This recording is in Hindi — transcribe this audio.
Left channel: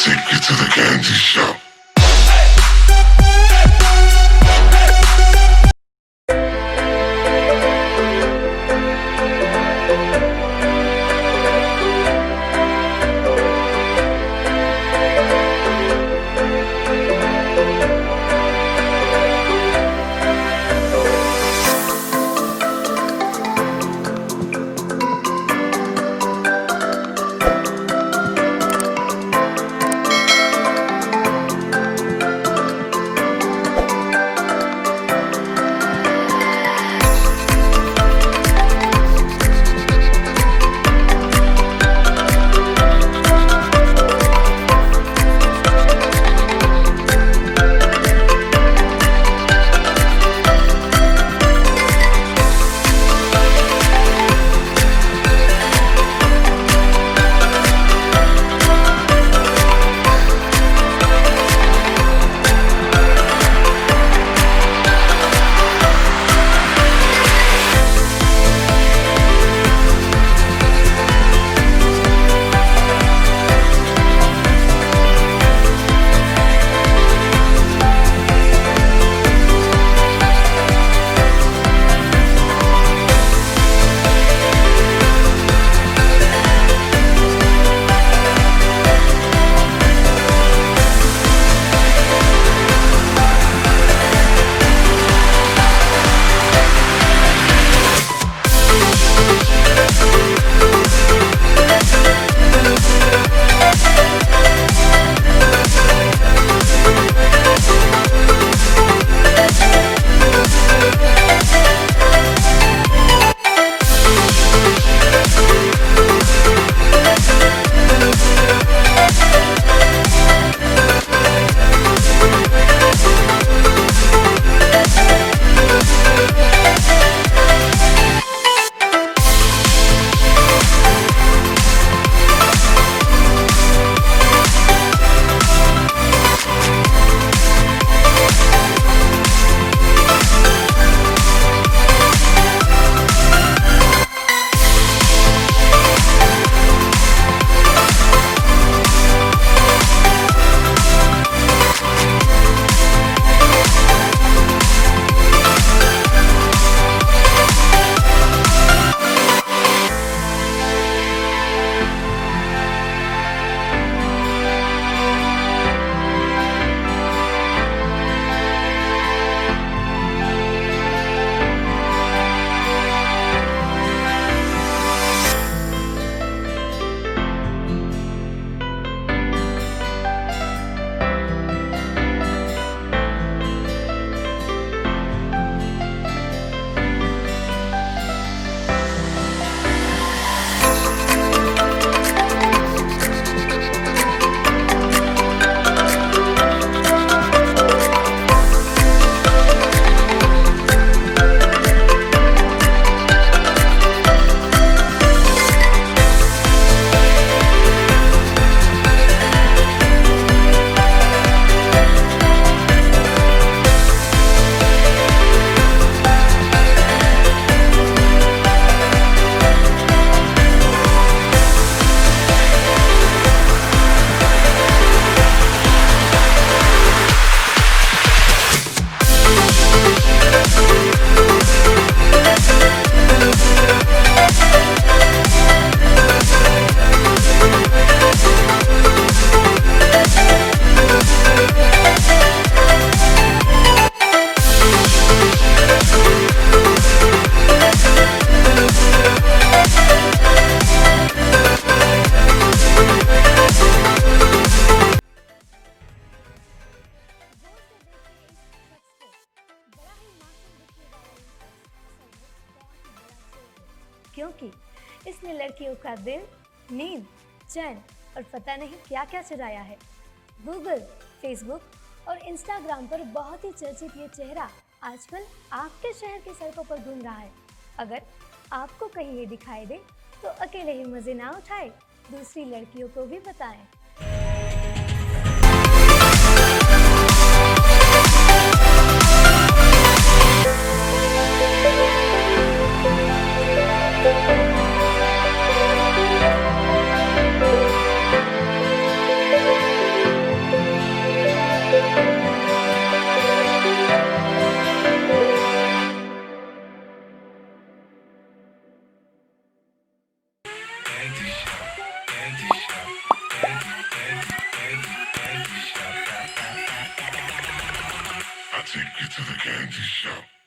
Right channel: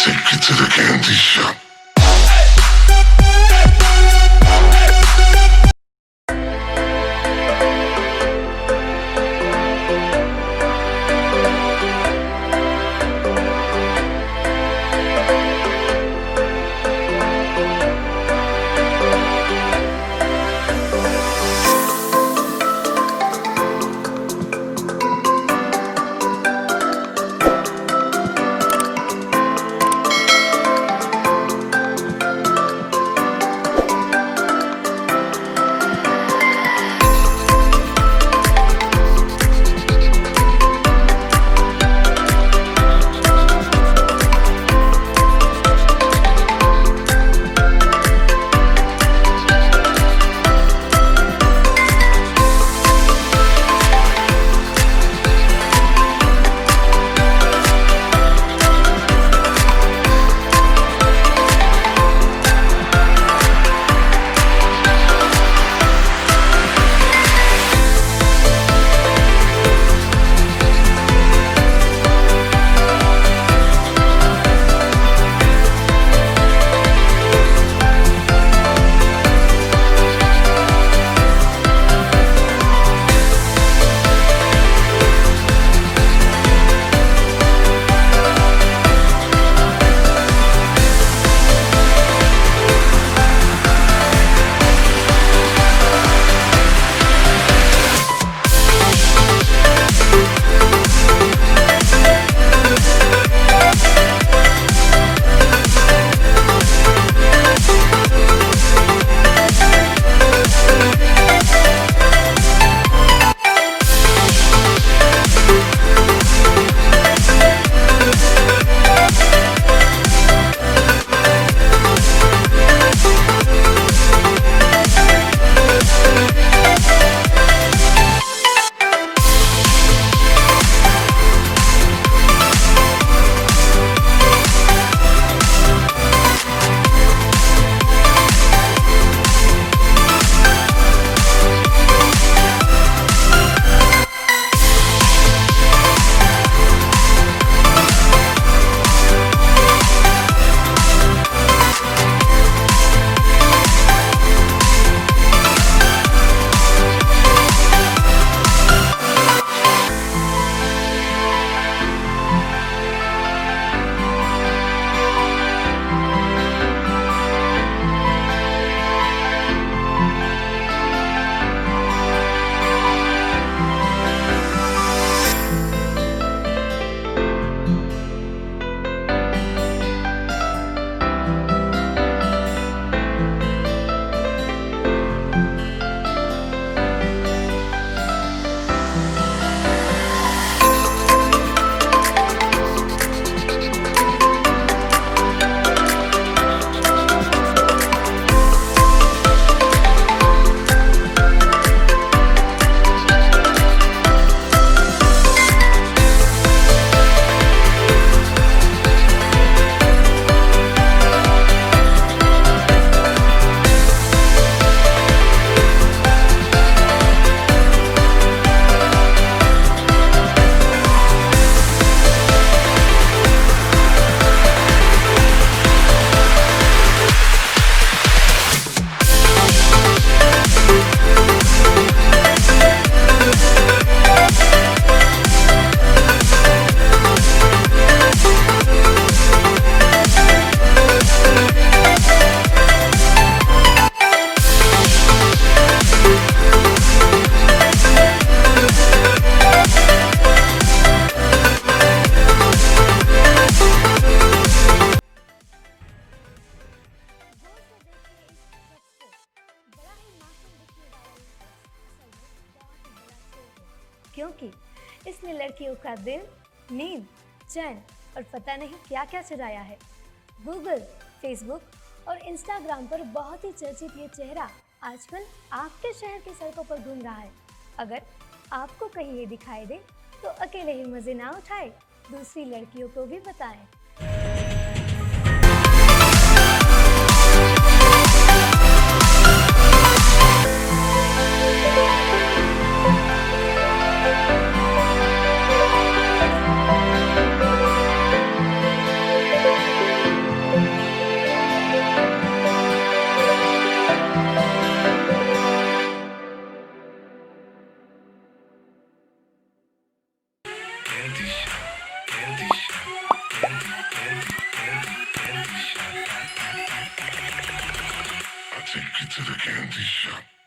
take you to the candy shop. क्योंकि इसने लड़कियों का दिल, नींद, चैन और पता नहीं क्या क्या चुराया है। गूगल, फेसबुक और इंस्टाग्राम पर बहुत ही चर्चित ये चेहरा आजकल आपके शहर की सड़कों पर घूम रहा है। अगर आपको कहीं ये दिखाई दे तो अकेले ही मजे ना उठाए, दूसरी लड़कियों को भी बताएं। take you to the candy shop.